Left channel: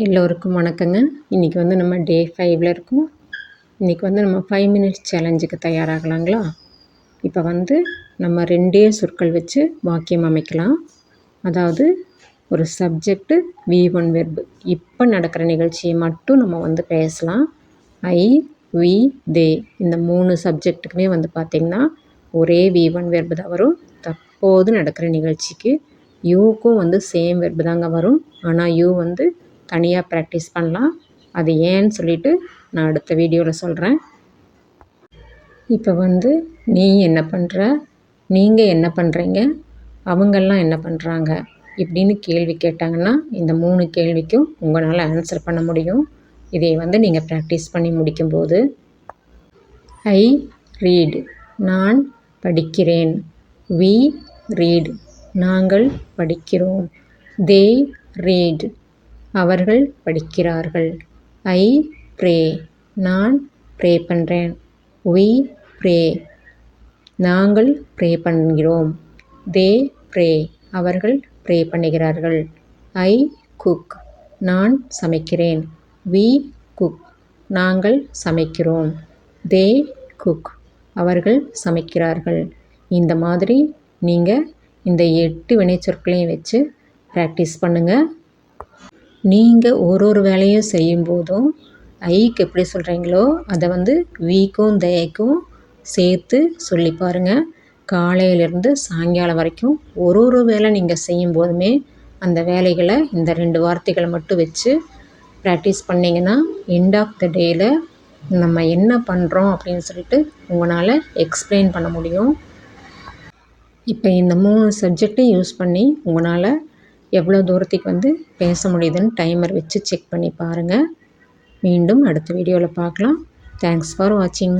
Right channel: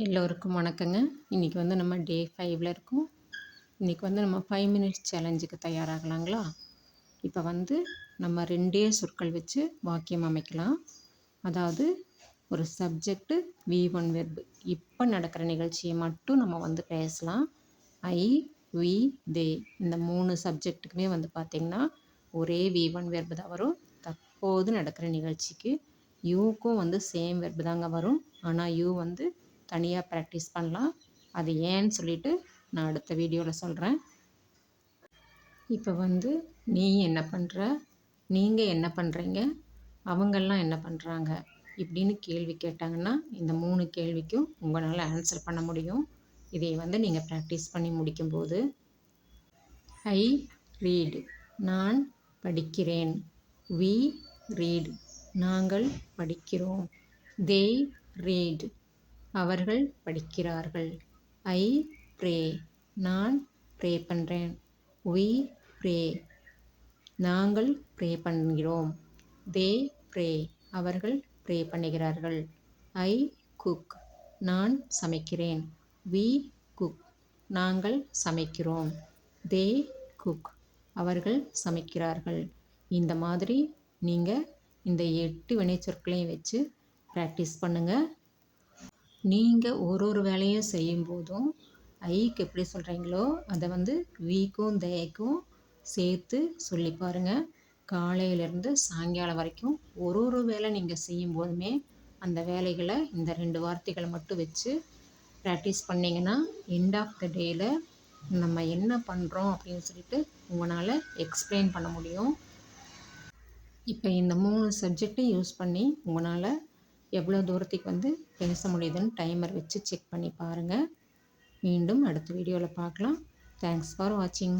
எல்லோருக்கும் வணக்கங்க. இன்றைக்கி வந்து நம்ம டே 5ல் இருக்கோம். இன்றைக்கி வந்து நம்ம 5 மினிட்ஸ் சேலஞ்சுக்கு தயாராகலாங்களா? இப்போ வந்து நம்ம 2 சொற்கள் வச்சு வாக்கியம் அமைக்கலாம். அதாவது ஒரு சப்ஜெக்ட்டு V1 வெர்பு. இப்போ நடக்கிற நிகழ்ச்சியை மட்டும் நம்ம வந்து பேசலாம். ஐ, வி, தே இந்த 3 சப்ஜெக்ட்டுக்குமே வந்து பார்த்திங்கன்னா ஒரே V1 வெர்பு தான் வரும். தற்போது நடக்கிற நிகழ்ச்சிக்கு யூக்கும் வந்து சேம் வெர்பு தாங்க வரும். ஆனால் யூ வந்து தனியாக ப்ராக்டிஸ் பண்ணலாம். அது ஏன்னு சொல்லிவிட்டு நான் அடுத்த வீடியோவில் சொல்கிறேன். இப்போ வந்து நீ என்ன பண்ணுற, நீங்கள் என்ன பண்ணுறீங்க, அவங்கெல்லாம் என்ன பண்ணுறாங்க இப்படின்னு கேள்வி கேட்டாங்கன்னா இந்த 3 கேள்விக்கும் உங்களால் ஆன்சர் பண்ண முடியும். இதை வந்து நீங்கள் ப்ராக்டிஸ் பண்ணி முடிக்கும்போது ஐ ரீட் நான் படிக்கிறேன், வி ரீட் நாங்கள் படிக்கிறோம், தே ரீட் அவர்கள் படிக்கிறார்கள், ஐ ப்ரே நான் ப்ரே பண்ணுறேன், வி ப்ரே நாங்கள் ப்ரே பண்ணுகிறோம், தே ப்ரே அவர்கள் ப்ரே பண்ணுகிறார்கள், ஐ குக் நான் சமைக்கிறேன், வி குக் நாங்கள் சமைக்கிறோம், தே குக் அவர்கள் சமைக்கிறார்கள். இந்த மாதிரி நீங்கள் இந்த 8 வினைச்சொற்களையும் வச்சு ப்ராக்டிஸ் பண்ணுங்கள். நீங்கள் ஒரு வேலையும் செய்யும்போதும் ஐக்கு எப்படி சொல்கிறீங்களோ அதை வந்து வீக்கும் தேக்கும் சேர்த்து சொல்லி பாருங்கள். காலையிலேருந்து சாயங்காலம் வரைக்கும் ஒரு வேலை நீங்கள் செய்யும்போதுமே அந்த வேலைகளை இந்த 2 வார்த்தைகளை மட்டும் வச்சு ப்ராக்டிஸ் பண்ணிங்கன்னா எண்ட் ஆஃப் த டேயில் நம்ம என்ன பண்ணுறோம் அப்படின்னு சொல்லிட்டு உங்களால் எக்ஸ்பிளைன் பண்ண முடியும். இப்போ இந்த 3 சப்ஜெக்டையும் யூஸ் பண்ணி உங்களால் எவ்வளோ தூரத்துக்கு வந்து பேச முடியுதுன்னு டைமர் வச்சு செக் பண்ணி பாருங்கள். மீண்டும் அடுத்த வீடியோவில் பார்க்கலாம். தேங்க்ஸ் ஃபார் வாட்சிங்.